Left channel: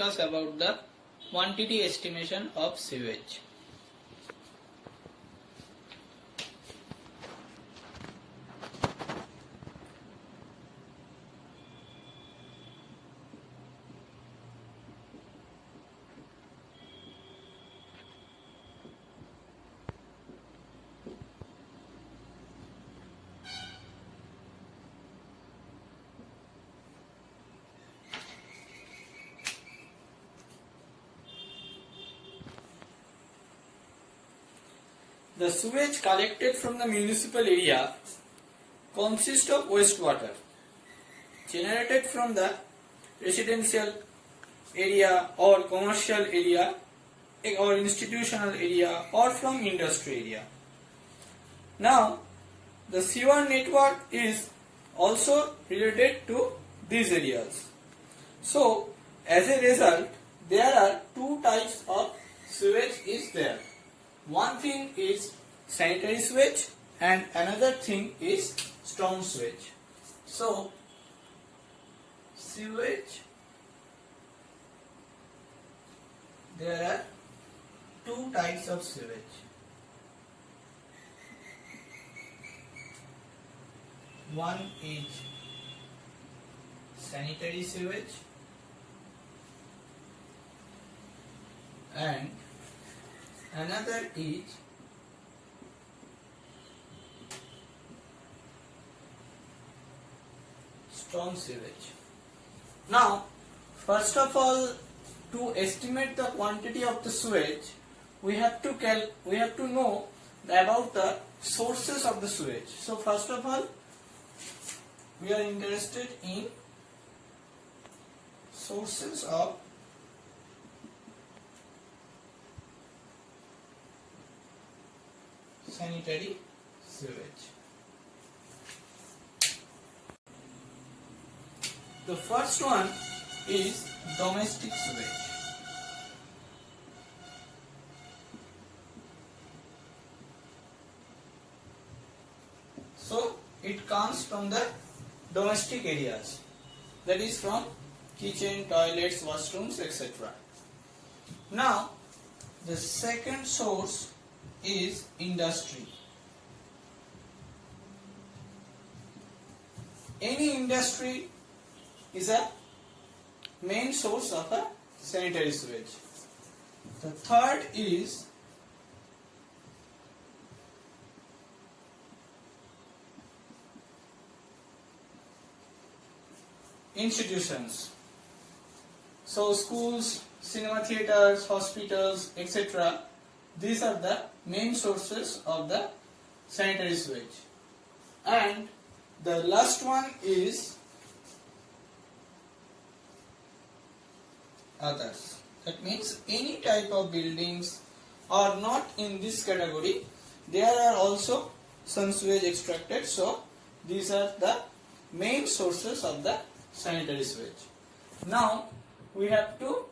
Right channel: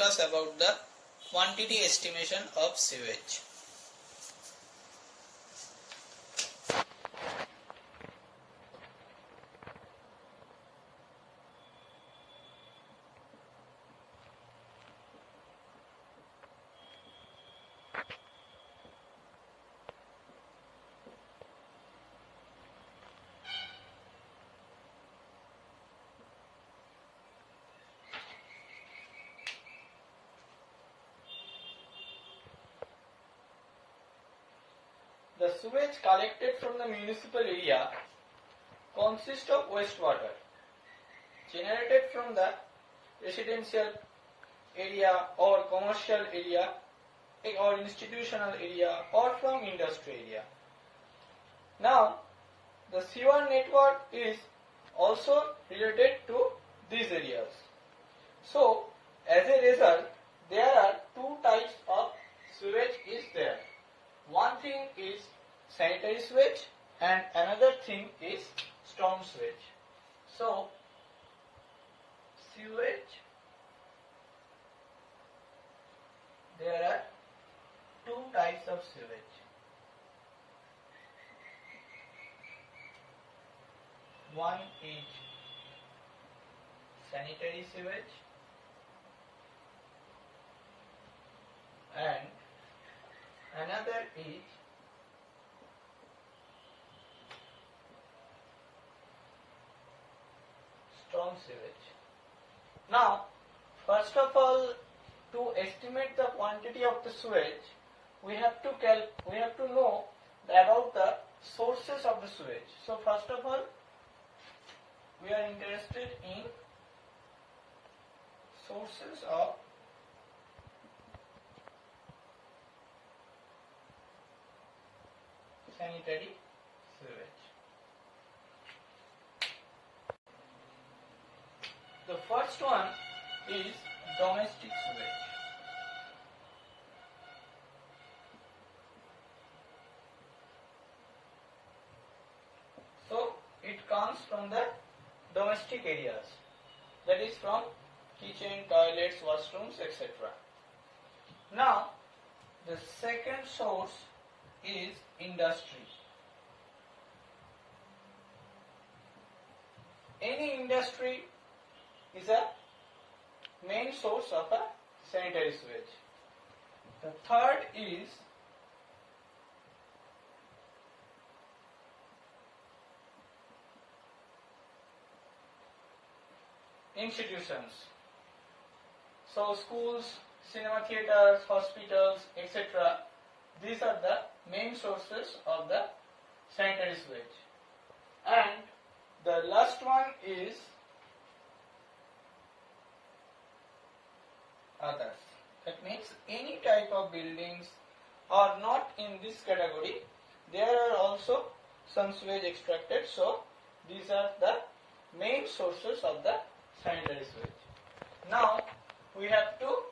discuss about the quantity estimation of sewage. The sewage collected from the municipal area consists of wastewater generated from the residential area or commercial area or institutional area or from industry area. Now, the sewer network is also related to these areas. So, as a result, there are two types of sewage is there. One thing is sanitary sewage and another thing is storm sewage. So, sewage, there are two types of sewage. One is sanitary sewage and another is storm sewage. Now, first of all, to estimate the quantity of the sewage, we have to know about the sources of the sewage. So, first of all, we are interested in sources of sanitary sewage. The first one is domestic sewage. So, it comes from the domestic areas, that is from kitchen, toilets, washrooms, etc. Now, the second source is industry. Any industry is a main source of a sanitary sewage. The third is institutions. So schools, cinema theaters, hospitals, etc. These are the main sources of the sanitary sewage. And the last one is others. That means any type of buildings are not in this category. There are also some sewage extracted. So these are the main sources of the sanitary sewage. Now we have to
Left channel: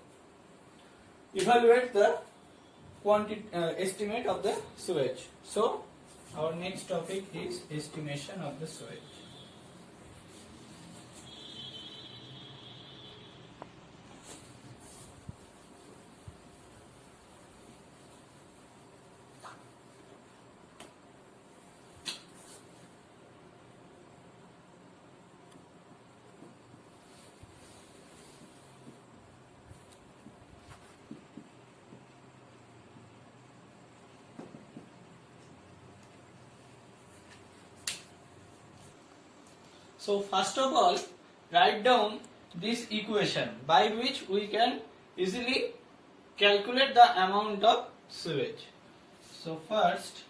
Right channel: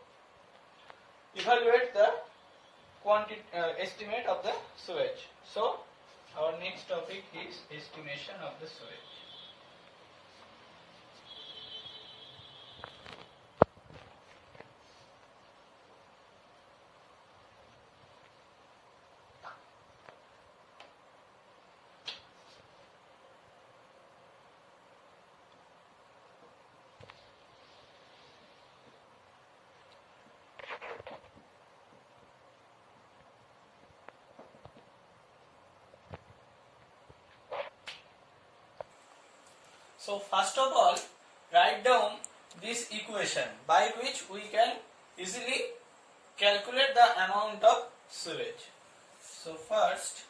evaluate the estimate of the sewage. So our next topic is estimation of the sewage. So first of all, write down this equation by which we can easily calculate the amount of sewage. So first,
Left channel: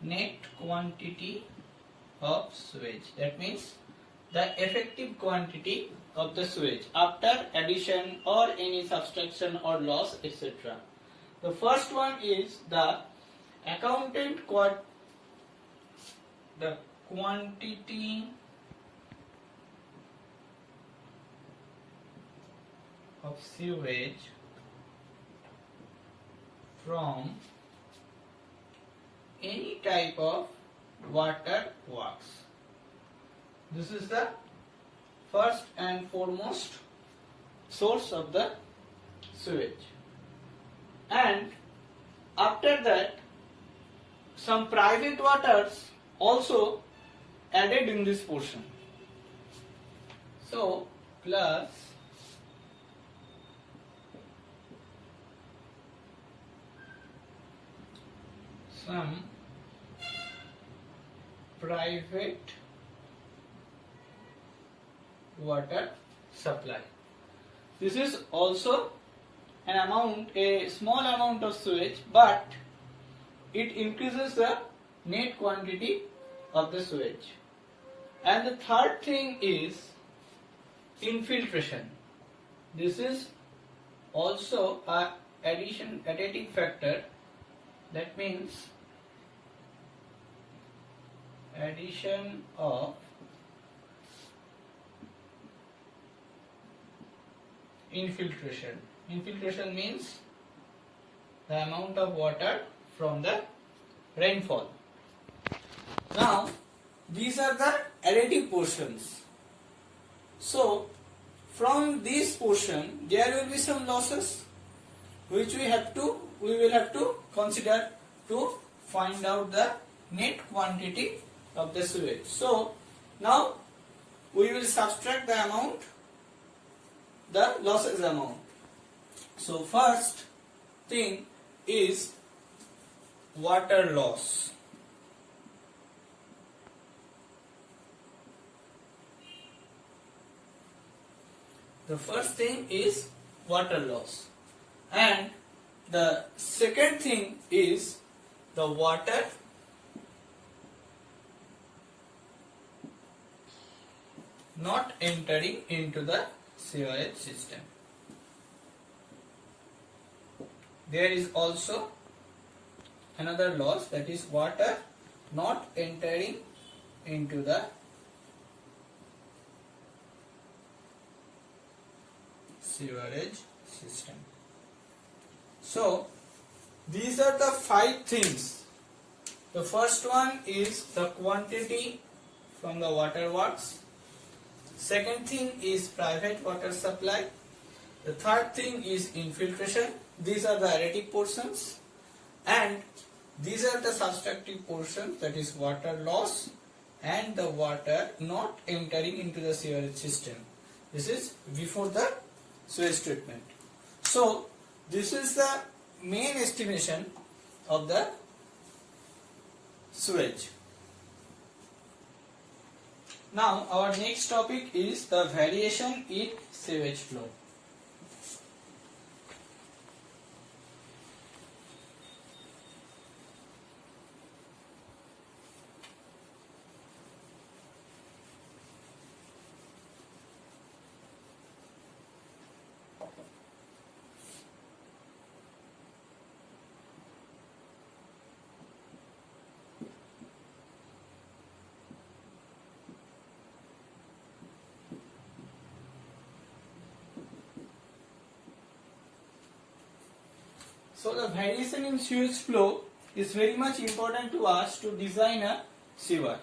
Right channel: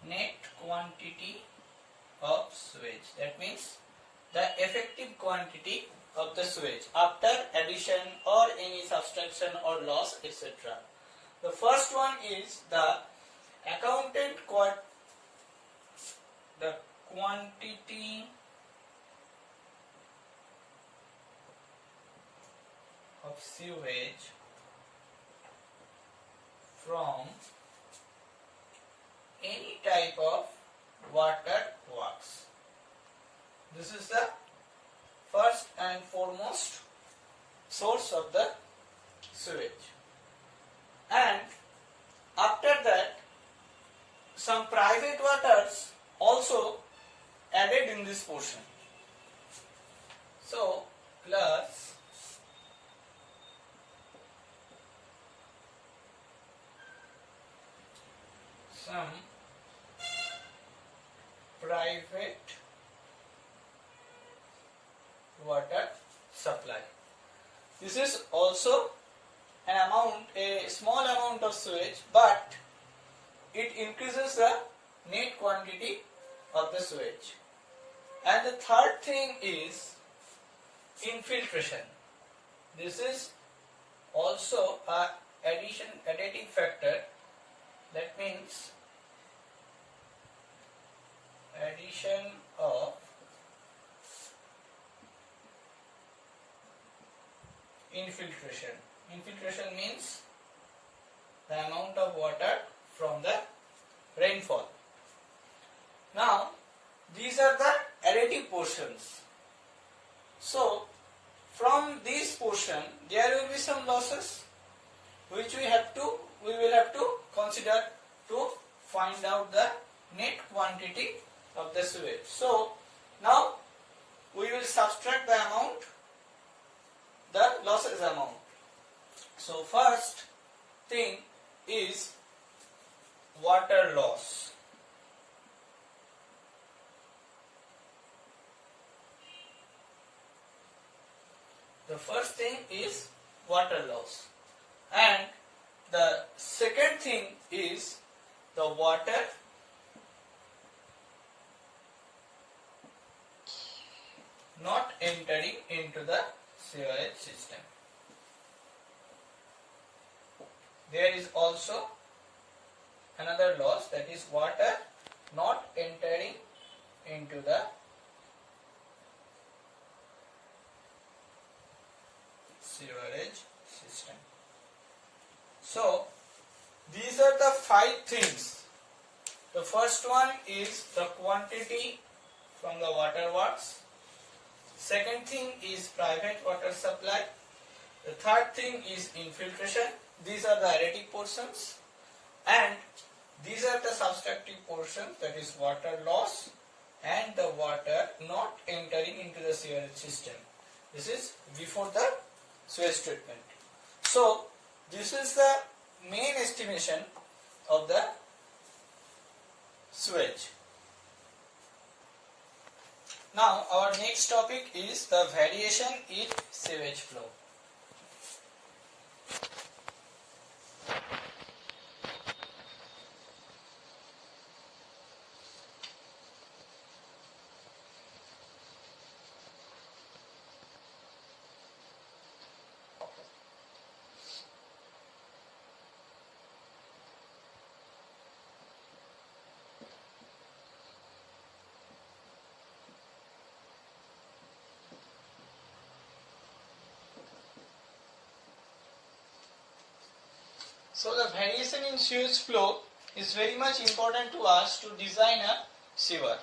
net quantity of sewage, that means the effective quantity of the sewage after addition or any subtraction or loss, etc. The first one is the the quantity of sewage from any type of water works. This is the first and foremost source of the sewage. And after that, some private waters also added in this portion. So, plus some private water supply. This is also a small amount of sewage, but it increases the net quantity of the sewage. And the third thing is infiltration. This is also a additive factor. That means addition of infiltration. Infiltration means the amount of water from the rainfall. Now, these are the additive portions. So, from this portion, there will be some losses which we will have to consider to find out the net quantity of the sewage. So, now we will subtract the amount, the losses amount. So, first thing is water loss. The first thing is water loss, and the second thing is the water not entering into the sewage system. There is also another loss, that is water not entering into the sewerage system. So, these are the 5 things. The first one is the quantity from the water works. Second thing is private water supply. The third thing is infiltration. These are the additive portions. And these are the subtractive portions, that is water loss and the water not entering into the sewerage system. This is before the sewage treatment. So, this is the main estimation of the sewage. Now, our next topic is the variation in sewage flow. So the variation in sewage flow is very much important to us to design a sewer,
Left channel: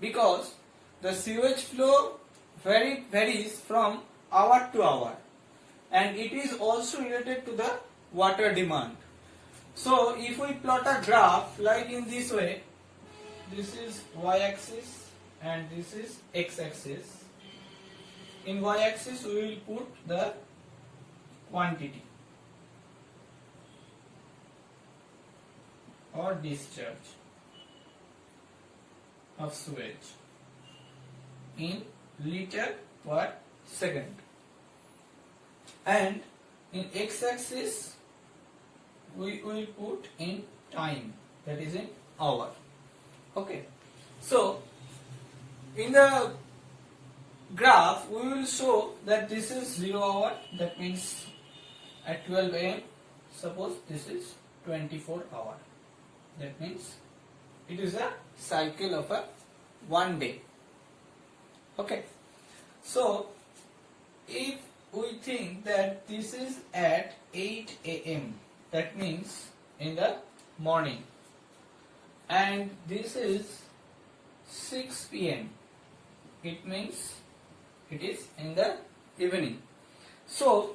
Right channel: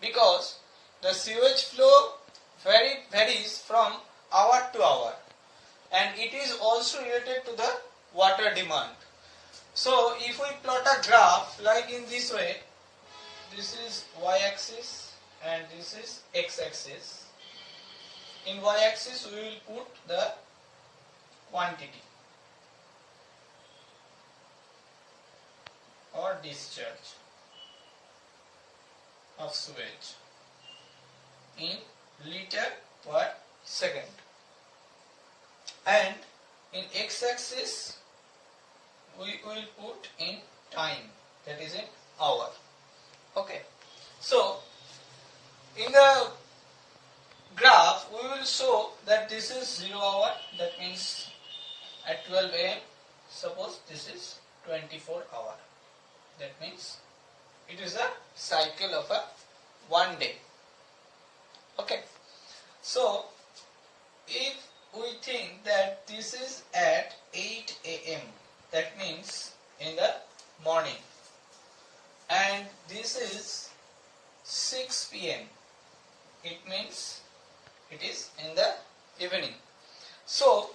because the sewage flow varies from hour to hour, and it is also related to the water demand. So if we plot a graph like in this way, this is y-axis and this is x-axis. In y-axis we will put the quantity or discharge of sewage in liter per second, and in x-axis we will put in time, that is in hour. Okay, so in the graph we will show that this is 0 hour, that means at 12 am. Suppose this is 24 hour. That means it is a cycle of a 1 day. Okay. So if we think that this is at 8 am, that means in the morning, and this is 6 p.m. It means it is in the evening. So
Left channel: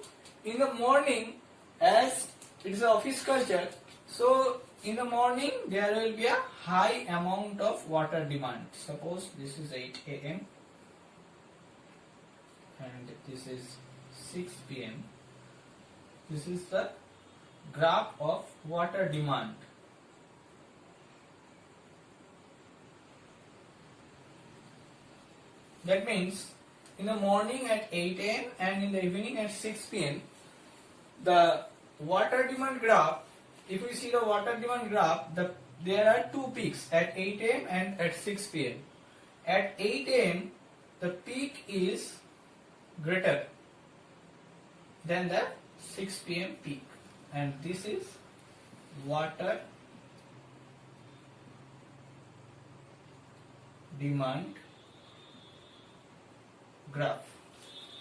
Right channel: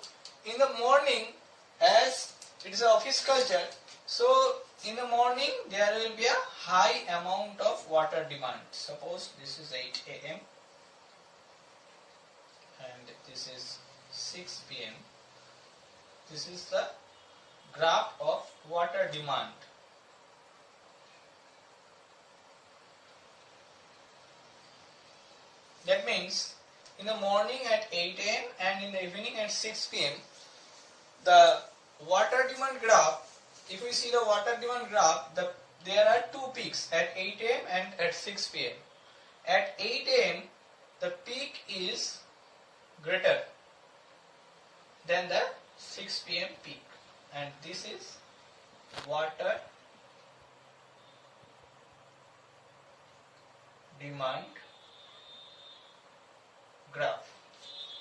in the morning, as it is an office culture, so in the morning there will be a high amount of water demand. Suppose this is 8 a.m. and this is 6 p.m. This is the graph of water demand. That means in the morning at 8 a.m. and in the evening at 6 p.m. the water demand graph, if we see the water demand graph, there are two peaks at 8 a.m. and at 6 p.m. At 8 a.m. the peak is greater than the 6 p.m. peak, and this is water demand graph.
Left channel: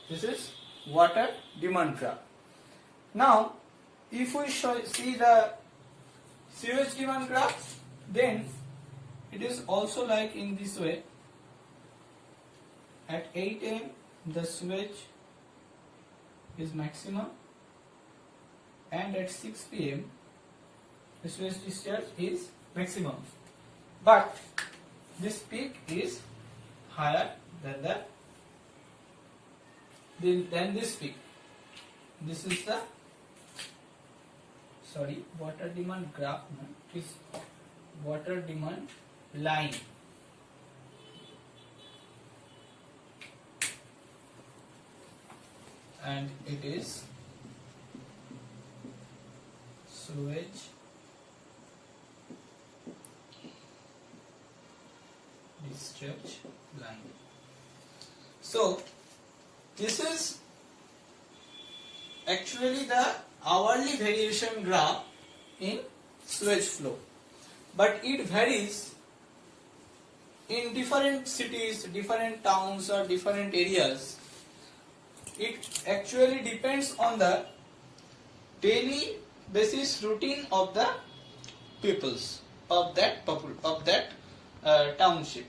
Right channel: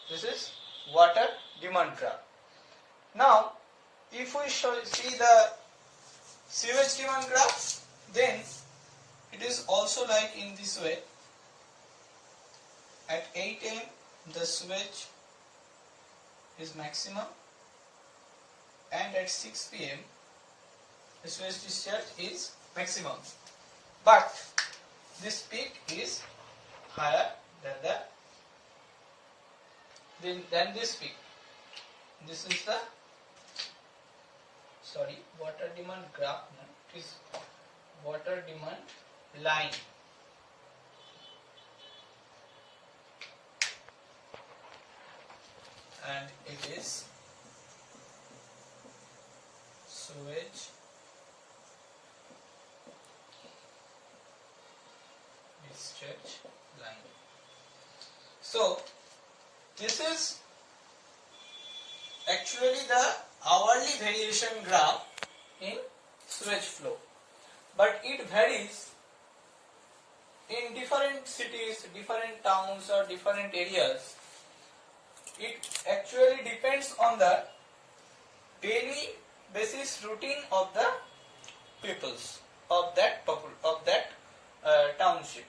This is water demand graph. Now, if we see the sewage demand graph, then it is also like in this way. At 8 a.m. the sewage is maximum, and at 6 p.m. the sewage discharge is maximum. But this peak is higher than this peak. This is the water demand graph. It is water demand line. And it is sewage discharge line. So this is actually the hourly variation graph in sewage flow, but it varies in different cities, different towns or different areas. It actually depends on the daily basis routine of the peoples of that township,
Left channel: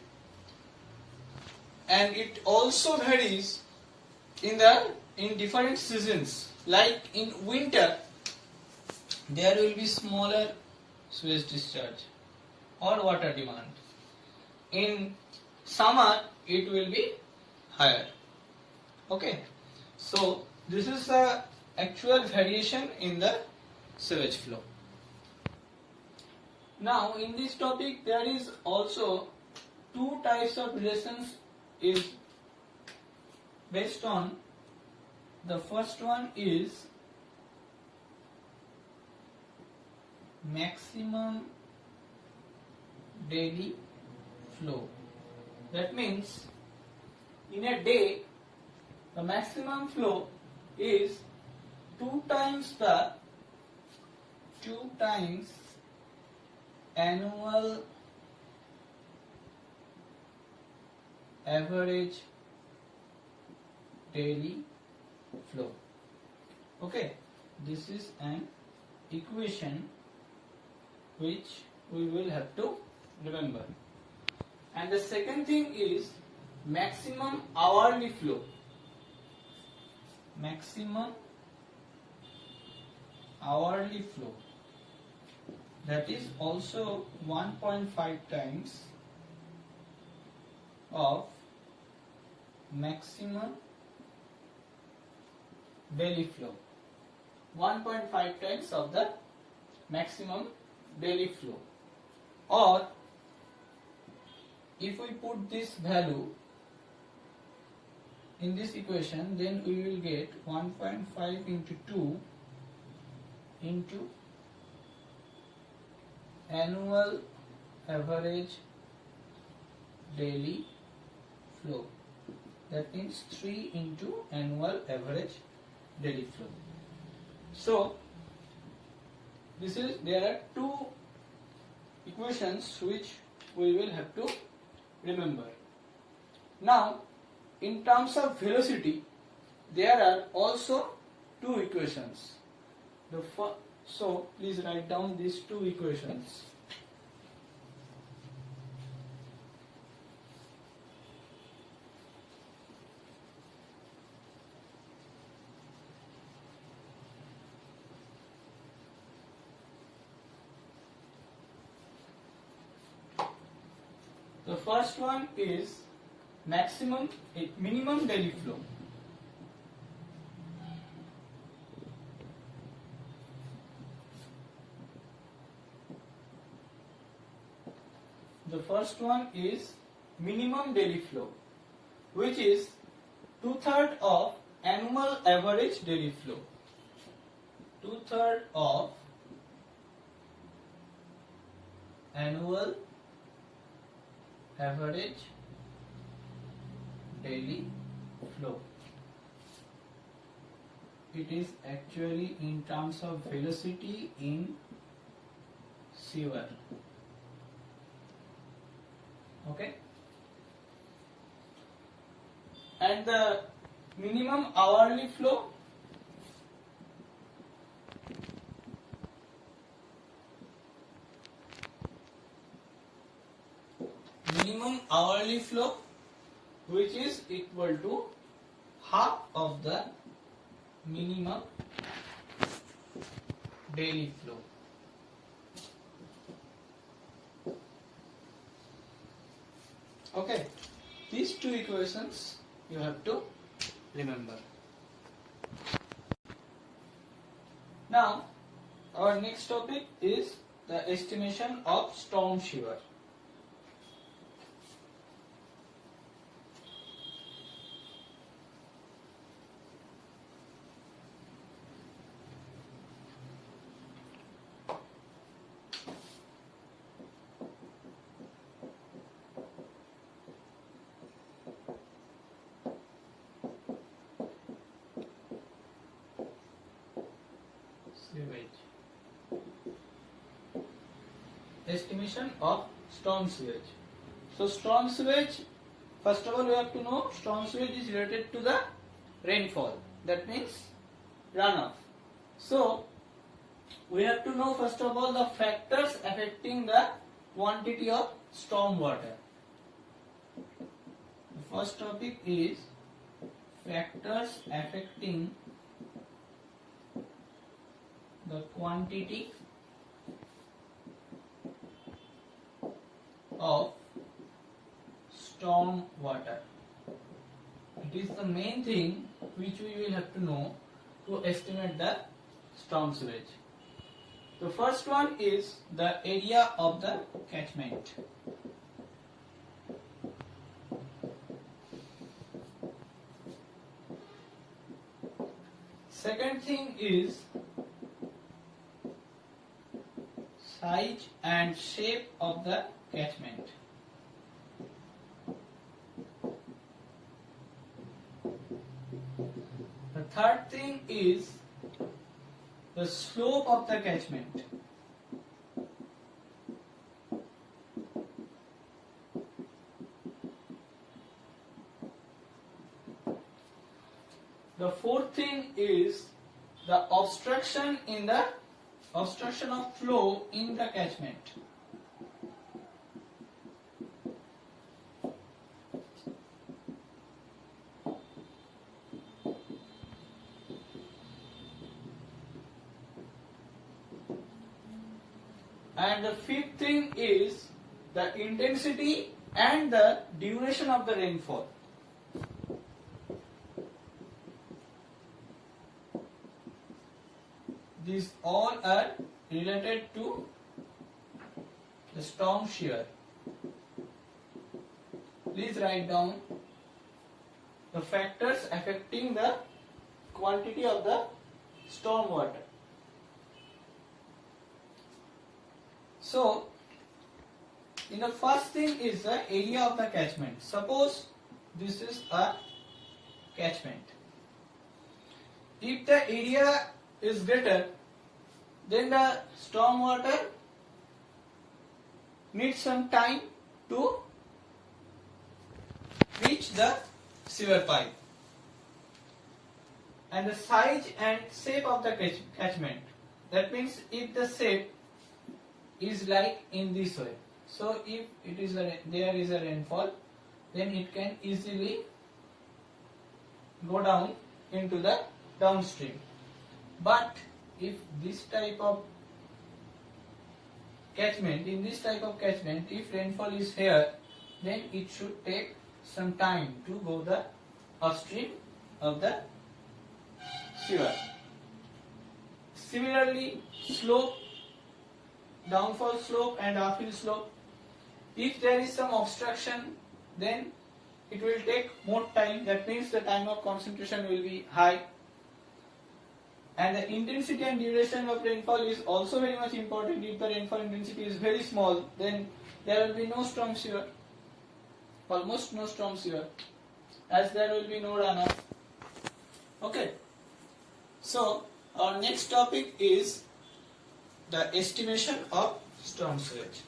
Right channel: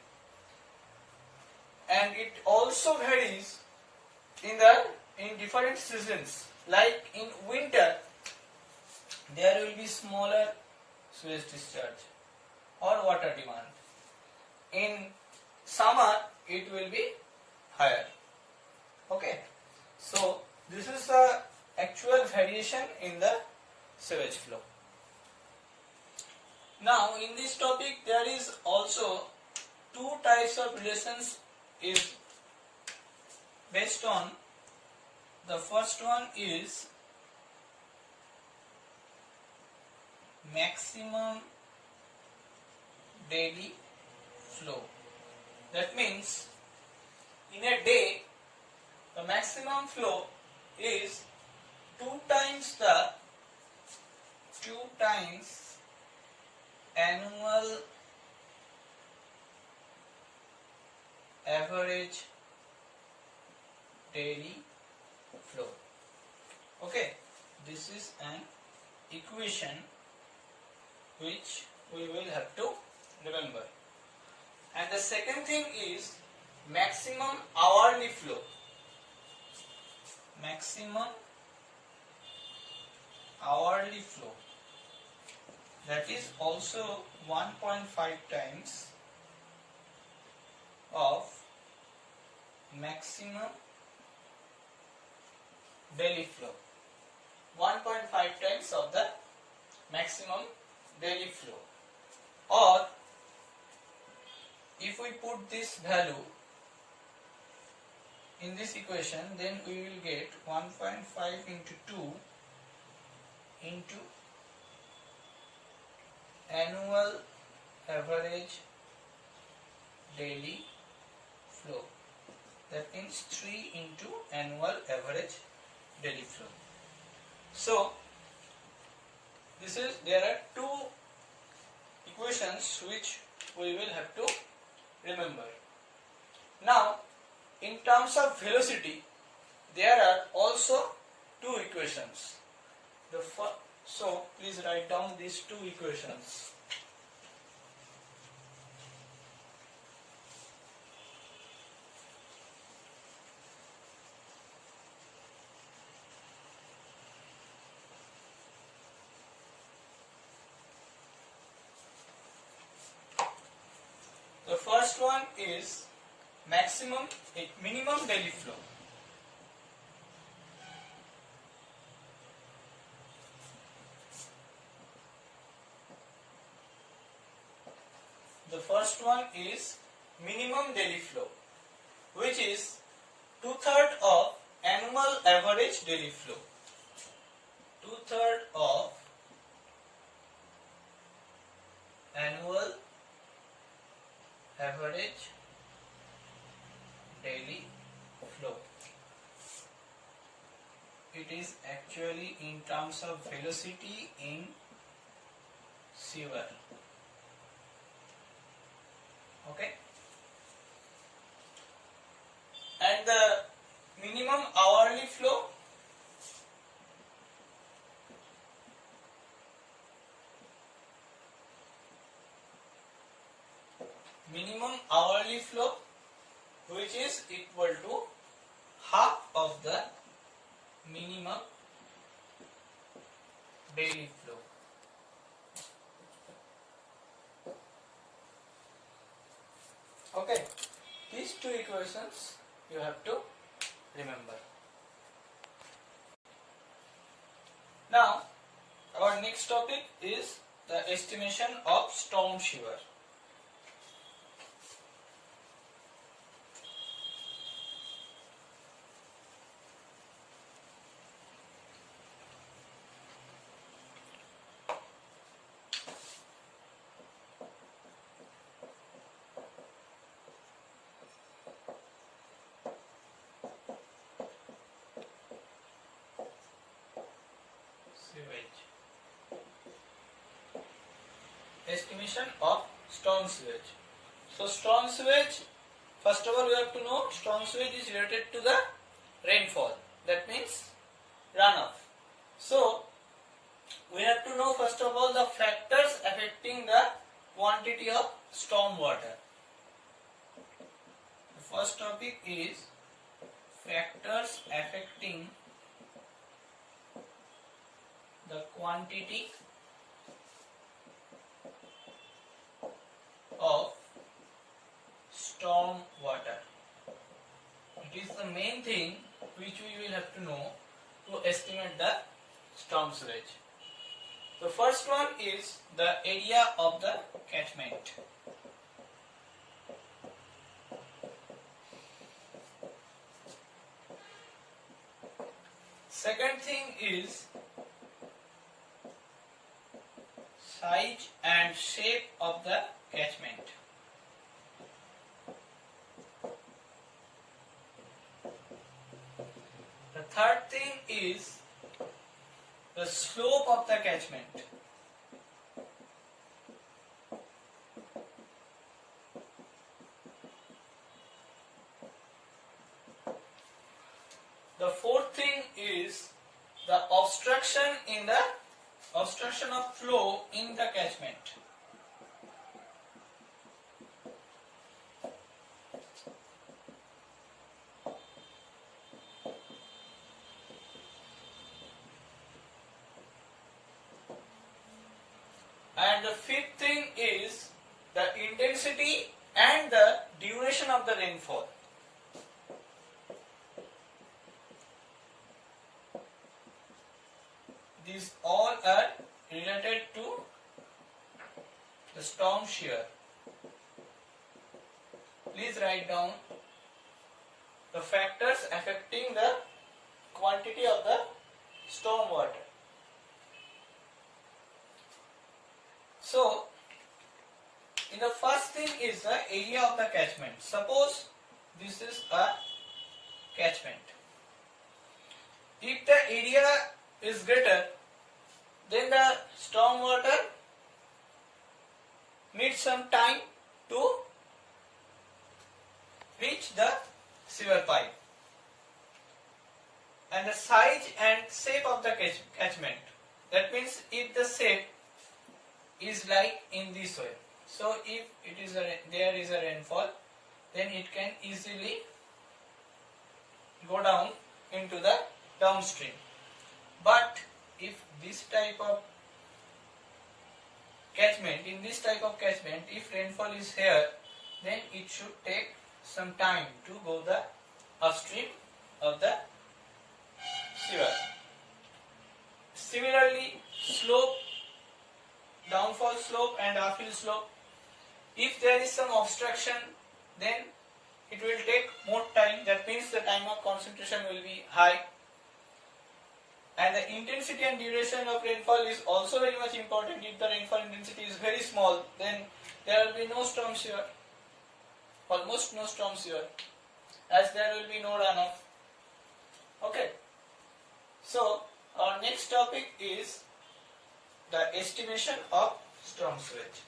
and it also varies in different seasons. Like in winter, there will be smaller sewage discharge or water demand. In summer, it will be higher. Okay. So this is the actual variation in the sewage flow. Now in this topic there is also two types of relations is based on. The first one is maximum daily flow. That means in a day the maximum flow is 2 times annual average daily flow. Okay, this is an equation which we will have to remember. And the second thing is maximum hourly flow. Maximum hourly flow, that is also 1.5 times of maximum daily flow. 1.5 times of the maximum daily flow. Or if we put this value in this equation, then we will get 1.5 into 2 into annual average daily flow. That means 3 into annual average daily flow. So there are two equations which we will have to remember. Now in terms of velocity, there are also two equations. So please write down these two equations. first one is minimum daily flow. The first one is minimum daily flow, which is 2/3 of annual average daily flow. 2/3 of annual average daily flow. It is actually in terms of velocity in sewer. Okay, and the minimum hourly flow, which is equal to half of the minimum daily flow. Okay, these two equations you have to remember. Now, our next topic is the estimation of storm sewer. Sewage. Estimation of storm sewage. So storm sewage, first of all we have to know storm sewage is related to the rainfall. That means runoff. So we have to know first of all the factors affecting the quantity of storm water. The first topic is factors affecting the quantity of storm water. It is the main thing which we will have to know to estimate the storm sewage. The first one is the area of the catchment. Second thing is size and shape of the catchment. The third thing is the slope of the catchment. The fourth thing is the obstruction of flow in the catchment. And the fifth thing is the intensity and the duration of the rainfall. These all are related to the storm shear. Please write down the factors affecting the quantity of the storm water. So, in the first thing is the area of the catchment. Suppose this is a catchment. If the area is greater, then the storm water needs some time to reach the sewer pipe. And the size and shape of the catchment. That means if the shape is like in this way. So if it is there is a rainfall, then it can easily go down into the downstream. But if this type of catchment, if rainfall is here, then it should take some time to go the upstream of the sewer. Similarly, slope, downfall slope and uphill slope, if there is some obstruction, then it will take more time. That means the time of concentration will be high. And the intensity and duration of rainfall is also very much important. If the rainfall intensity is very small, then there will be no storm sewer, almost no storm sewer, as there will be no runoff. Okay. So our next topic is the estimation of storm sewage.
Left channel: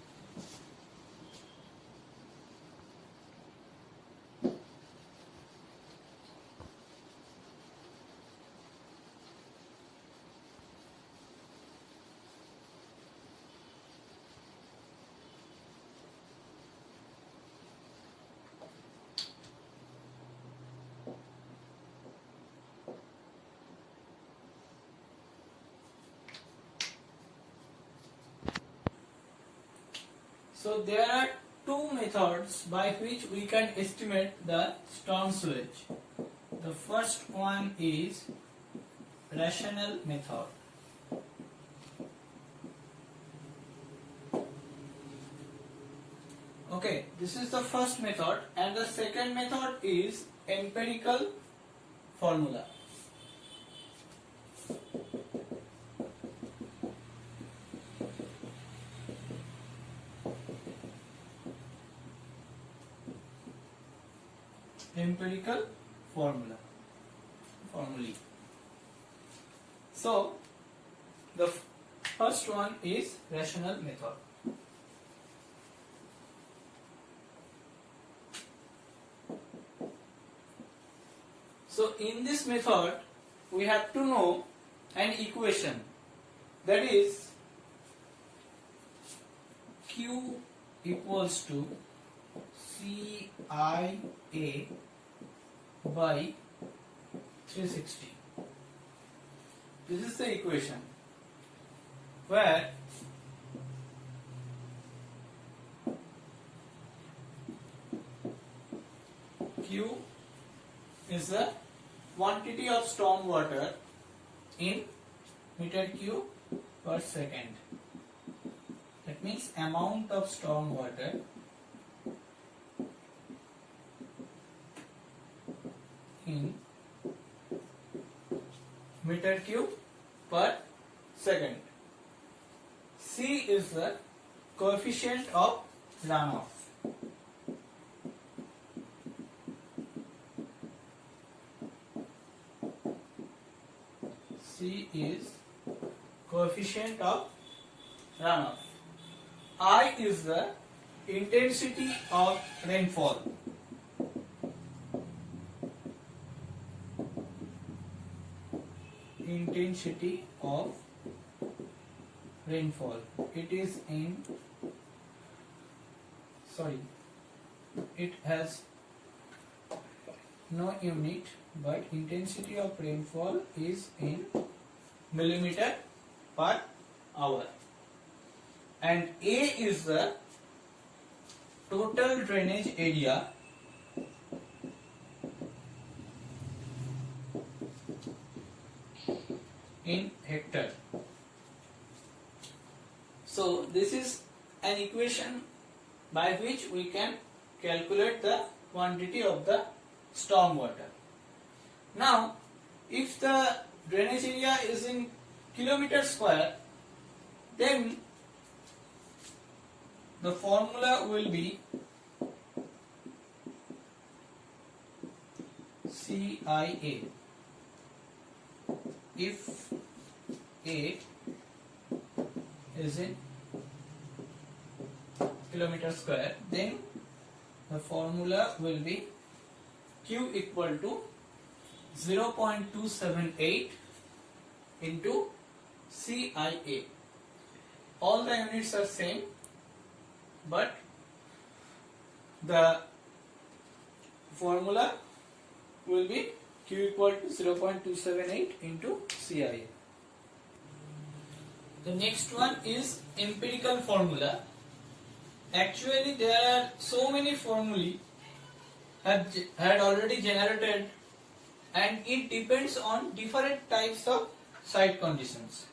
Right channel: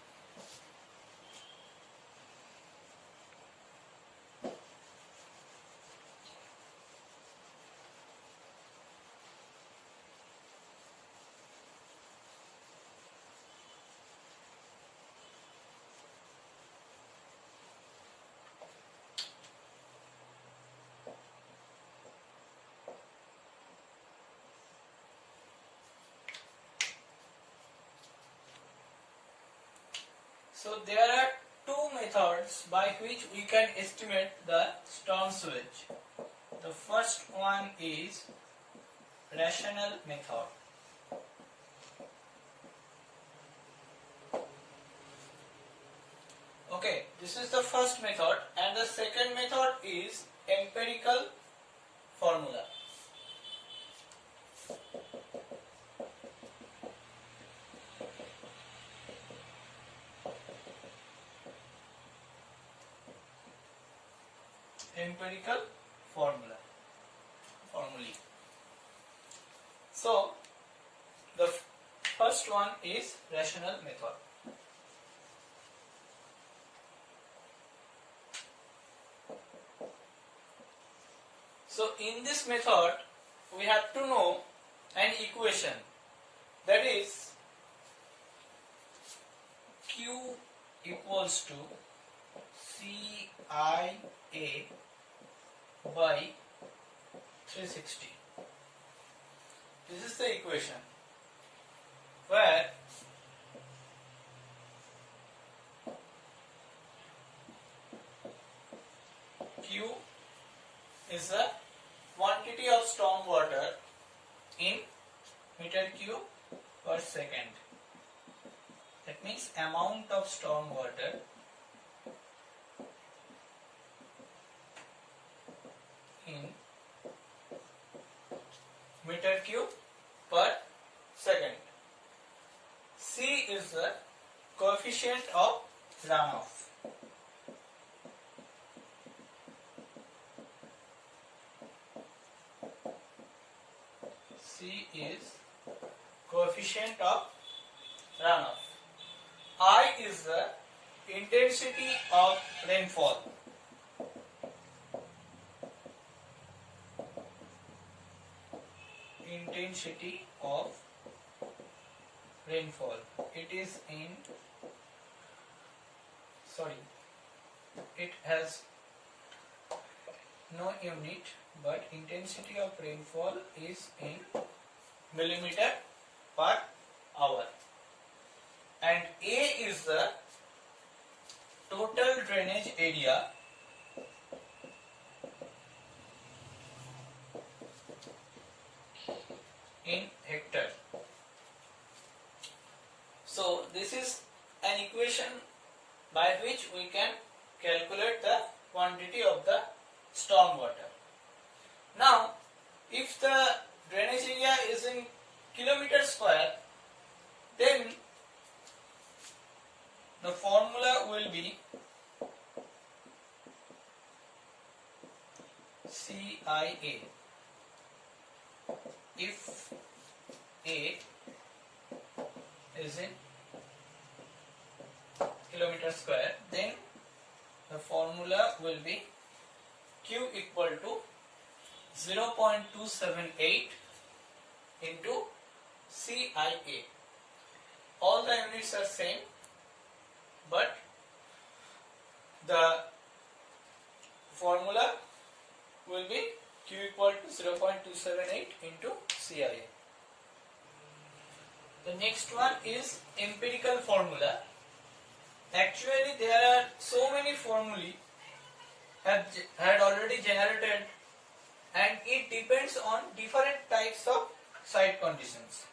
So there are two methods by which we can estimate the storm sewage. The first one is rational method. Okay, this is the first method, and the second method is empirical formula. Empirical formulae. So the first one is rational method. So in this method we have to know an equation, that is Q equals to CIA by 360. This is the equation where Q is the quantity of storm water in meter cube per second. That means amount of storm water in meter cube per second. C is the coefficient of runoff. C is coefficient of runoff. I is the intensity of rainfall. Intensity of rainfall. It is in, it has no unit, but intensity of rainfall is in millimeter per hour. And A is the total drainage area in hectare. So this is an equation by which we can calculate the quantity of the storm water. Now, if the drainage area is in kilometer square, then the formula will be CIA. If A is in kilometer square, then the formula will be Q equal to 0.278 into CIA. All the units are same, but the formula will be Q equal to 0.278 into CIA. The next one is empirical formula. Actually, there are so many formulae had already generated, and it depends on different types of site conditions.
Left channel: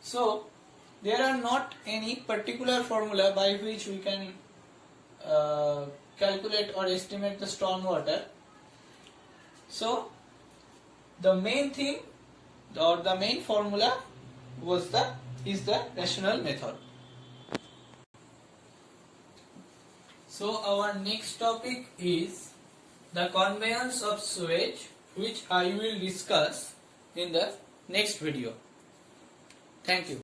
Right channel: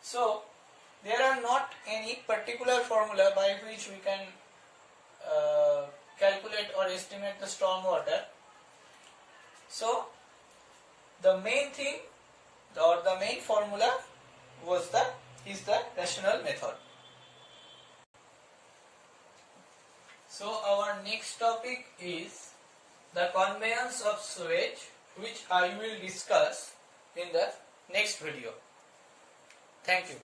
So there are not any particular formula by which we can calculate or estimate the storm water. So the main thing or the main formula is the rational method. So our next topic is the conveyance of sewage, which I will discuss in the next video. Thank you.